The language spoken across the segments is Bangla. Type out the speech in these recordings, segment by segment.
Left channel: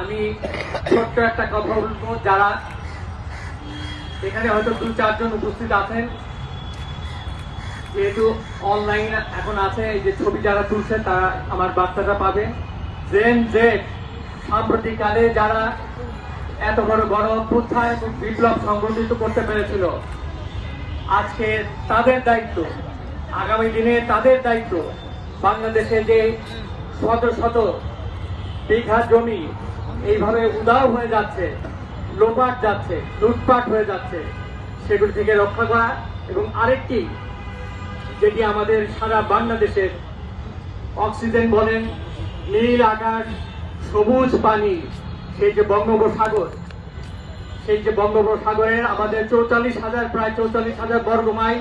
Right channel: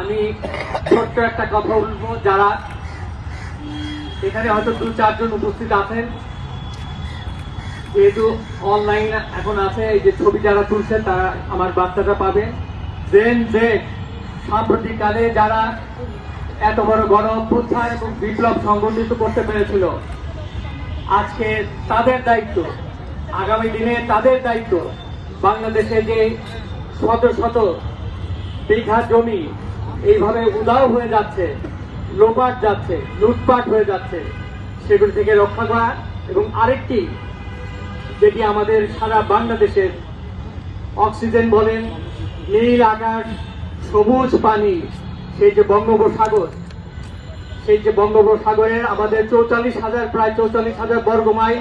আমি ছোট্ট একটা কথা বলবো, যারা এখানে হয়তো 2-4 জন উপস্থিত আছেন, যেহেতু অনলাইন এখন আছে, এই যে ছবি যারা তুলছেন তারা আমার বার্তাটা পাবেন। যে সাম্প্রতিককালে যারা এত বড় গণ অভ্যুত্থান এবং বিপ্লব সংগঠিত করতে পেরেছিল, আজকে তাদের দায়িত্ব, আগামী দিনে তাদের দায়িত্ব বাংলাদেশে যে শত শত বিঘা জমি এইভাবে উধাও হয়ে যাচ্ছে, লোপাট যাচ্ছে, লুটপাট হয়ে যাচ্ছে, সেগুলো থেকে রক্ষা করা। এবং আরেকটি, যেটি আমাদের সারা বাংলাদেশের অক্সিজেন বলেন, নীল আকাশ, সবুজ পানি, সেই যে বঙ্গোপসাগর, সেই যে বঙ্গোপসাগরের আমাদের 44,000 প্রায় 44,000 বর্গ মাইল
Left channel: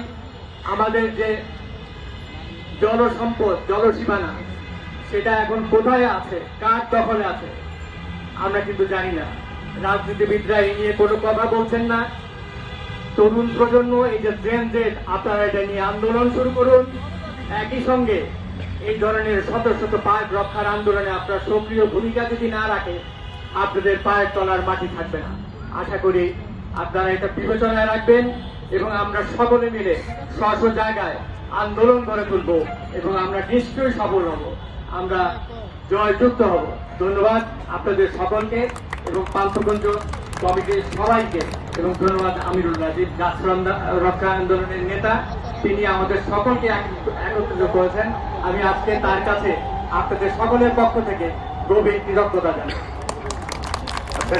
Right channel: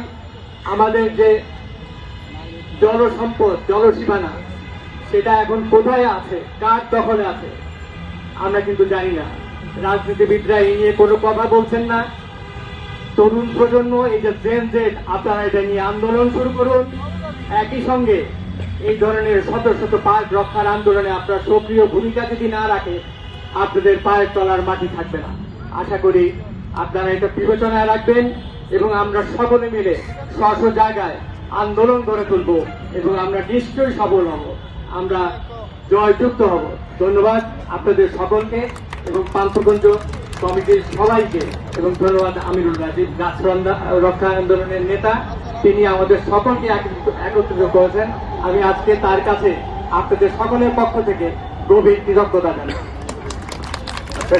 আমাদের যে জলসম্পদ, জলসীমানা, সেটা এখন কোথায় আছে, কার দখলে আছে আমরা কিন্তু জানি না। রাজনীতিবিদরা এই নিয়ে কোনো কথা বলছেন না। তরুণ প্রজন্ম, এই যে জেন জেড, আপনারা এটা নিয়ে আন্দোলন শুরু করুন। একই সঙ্গে এই ধরনের শত শত পার্ক রক্ষার আন্দোলনে আপনারা সক্রিয় ভূমিকা যদি না রাখে, আপনাদের পায়ের তলার মাটি থাকবে না। আশা করি আপনারা এটা বিবেচনায় রাখবেন এবং আমরা সকলে মিলে স্ব জায়গায় আন্দোলন গড়ে তুলব এবং আমরা নিশ্চয়ই সফল হব, আমরা জয়যুক্ত হব। ধন্যবাদ আপনাদের সকলকে এবং পান্থগঞ্জ কমিটির সবাইকে, এবং ধন্যবাদ আমিরুল রাজীব, গাছ রক্ষা আন্দোলনের নেতা। তিনি আমাদের সকলকে একত্রিত করেছেন। আমি আজকে তার কাছে আপনাদের সকলের পক্ষ থেকে গভীর কৃতজ্ঞতা জানাই।